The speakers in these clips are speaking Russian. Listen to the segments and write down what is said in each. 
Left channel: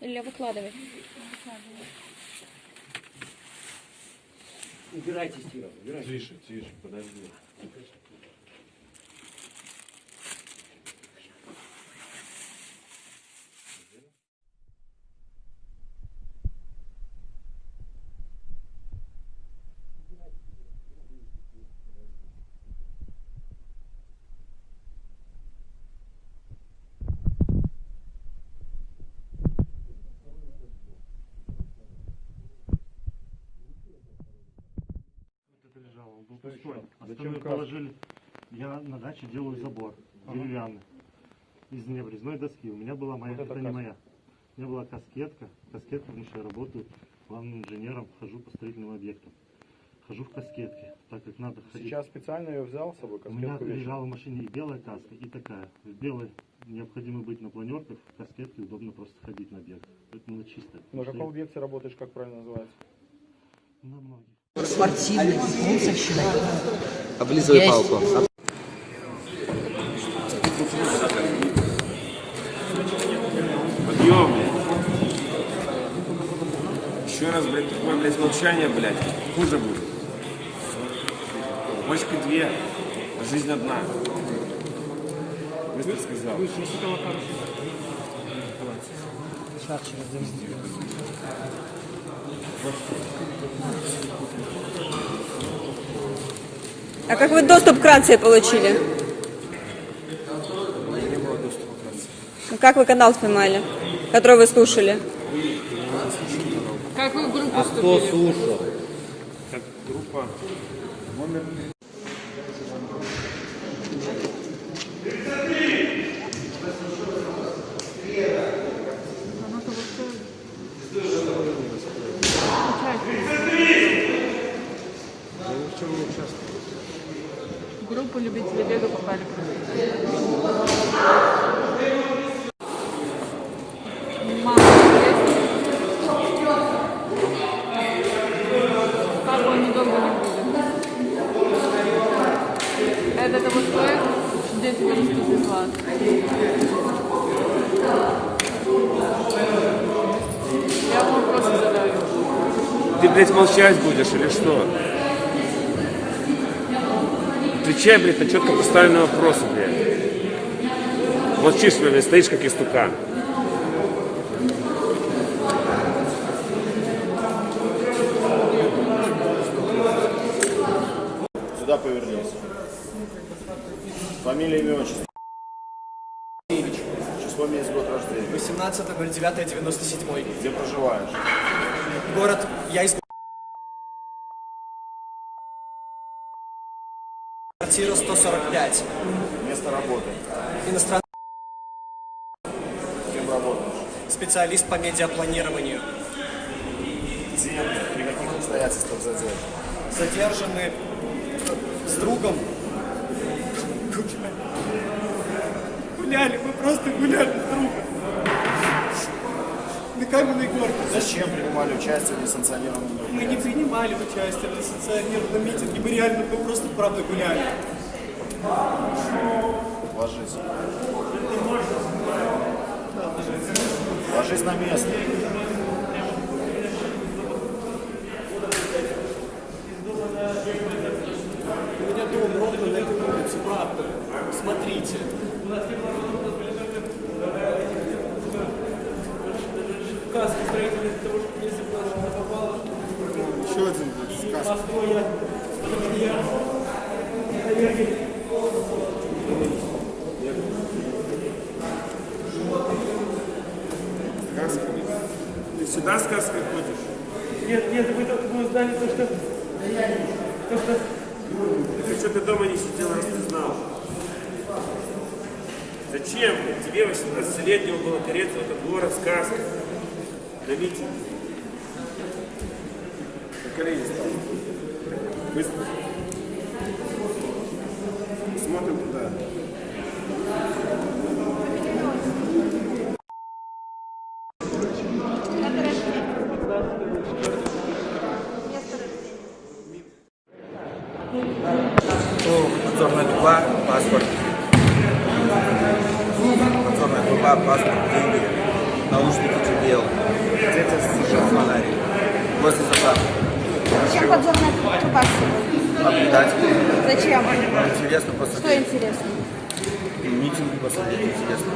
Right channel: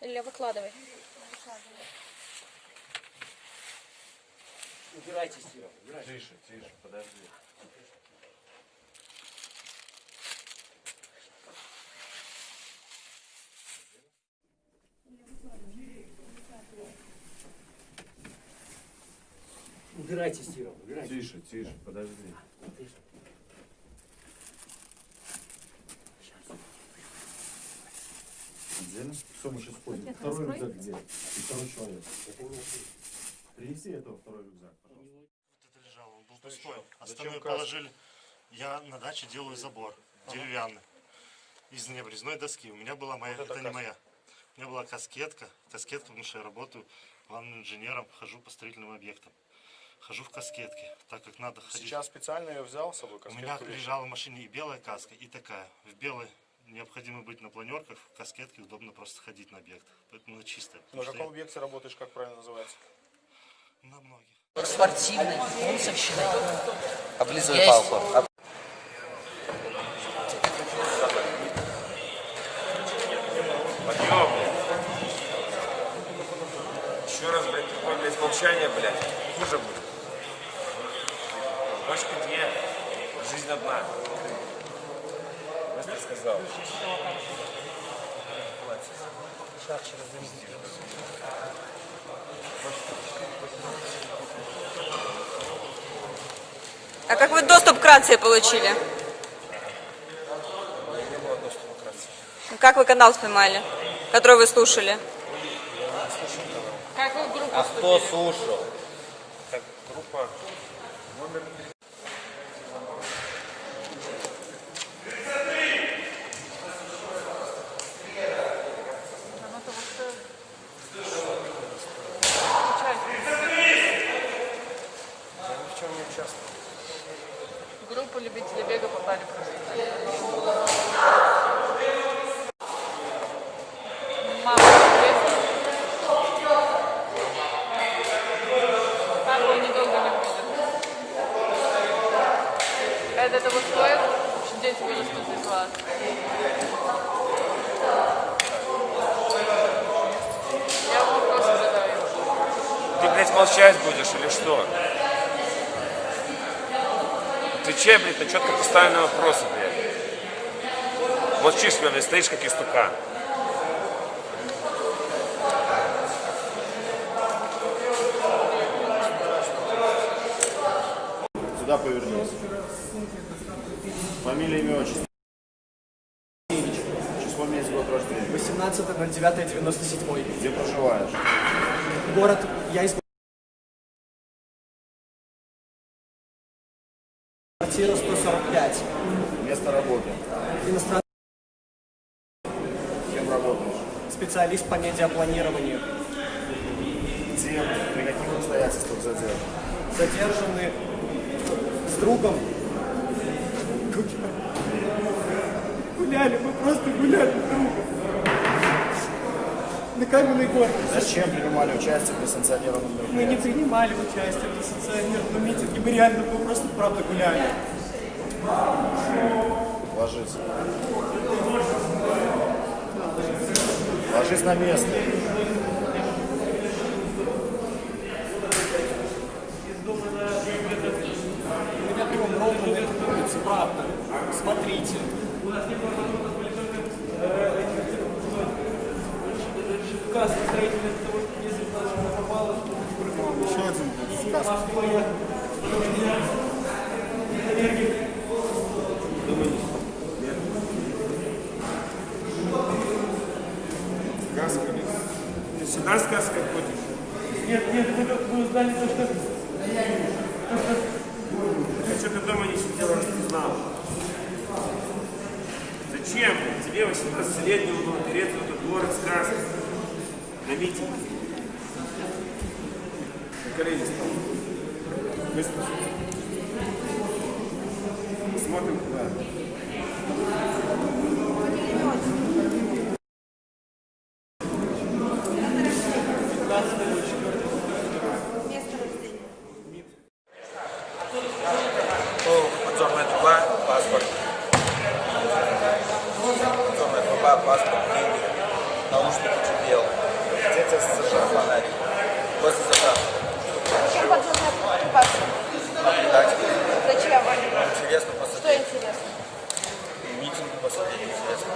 Илья, выкладывай. Убирайте стиром, убирайте. Тише, тише, подожди. Убирайте стиром, убирайте. Тише, тише, подожди. Где? Все, мы сейчас ходим. Второй рюкзак где? И второй человек. Принеси этого второй рюкзак, пожалуйста. Вот это лежало, он был пустой. Остальные положили. Я на даче делаю забор деревянный из необрезной доски. У меня была моя, Вот это не моя. У меня была каскетка, потому что я работаю главным инженером, хожу по строительным объектам. Хожу в каскетке, так как надо ходить. Сейчас специально ее взял с собой, У меня каскетку вещи. лежала в машине и белая каска, и такая. В белой необходимо быть на планерках, в каскетке удобно просто ходить на объект. Поэтому чисто. На каком объекте работаешь, как правильно называется? На многих. Спортивной, комсовщиной. Облизывай Есть. палку. Еще раз, блядь, такое, блядь, молчание, блядь, хуже будет. Ночки две, а жизнь одна. Быстро сказал. А как вы доступ к рации получили? Как вы канал снимали, который вы слушали? Как вы в группу Кто слушал? Как группа номер 3. В группу любителей бега попали просто. Мама есть? Папа недолго не будет. Это того стоит, что дети вырастут из вас. Я вам вопросы задаю. Ты, блядь, молчать будешь или что? Отвечай, блядь, на четко поставленные вопросы, блядь. Молчишь, блядь, стоишь как истукан. Сюда повернись. Фамилия, имя, отчество. Число, месяц, год рождения. 18.09.97. Где проживаешь? Город, я из квартира 145. Место работы. Иностранный Кем работаешь? специалист по медиапланированию. Где? При каких обстоятельствах задержан? Задержаны с другом. Гуляли, мы просто гуляли с другом. На Каменной горке. Зачем принимали участие в несанкционированном Мы мероприятии? не принимали участие в несанкционированном митинге, мы реально, мы просто правда гуляли. Ложись. Ложись на место. Идем ровно на эту улицу, правда. Смотрите. Указ строительный для того, чтобы если даже не попало, еще один Сюда сказка ходишь? Нет, вы узнали то, что... Ты что-то дома не сидел, раз ты знал. Зачем тебе, 18-летнему, было переться в этот город сказка? На митинг. На колени стал. Быстро. Смотрим туда. Подзорная труба, паспорт. Подзорная труба, паспорт, деньги. наушники тебе, фонарик. Возле заправки. Зачем подзорная трубка? Наблюдать. Зачем? Интересно Что посмотреть. интересно? Митинг посмотреть интересно.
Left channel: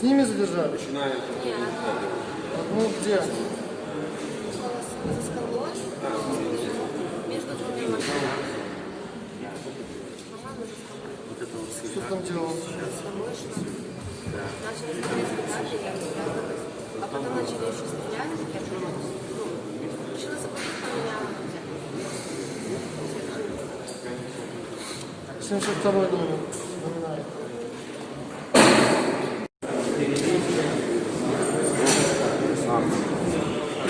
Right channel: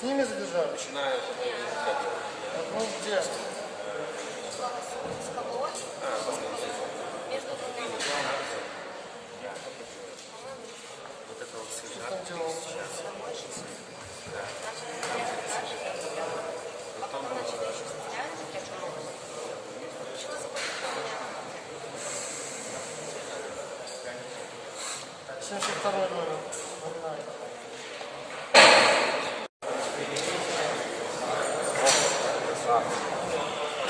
С ними задержали? Ну где? За скалой, между двумя машинами. По-моему, за скалой. Что там делал? С тобой шла. Начали стрелять петарды, я стреляла. А потом начали еще стрелять, так я тоже решила запустить на меня аптеку. 72 номер. Номинально.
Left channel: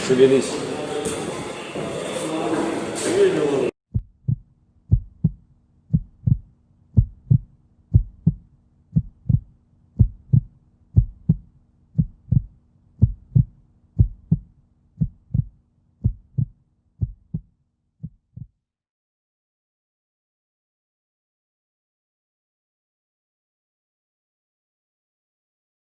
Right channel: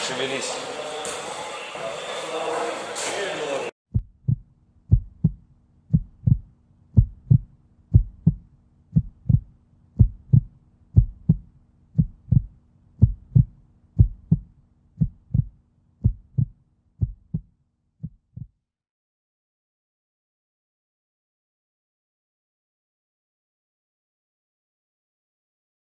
Шевелись.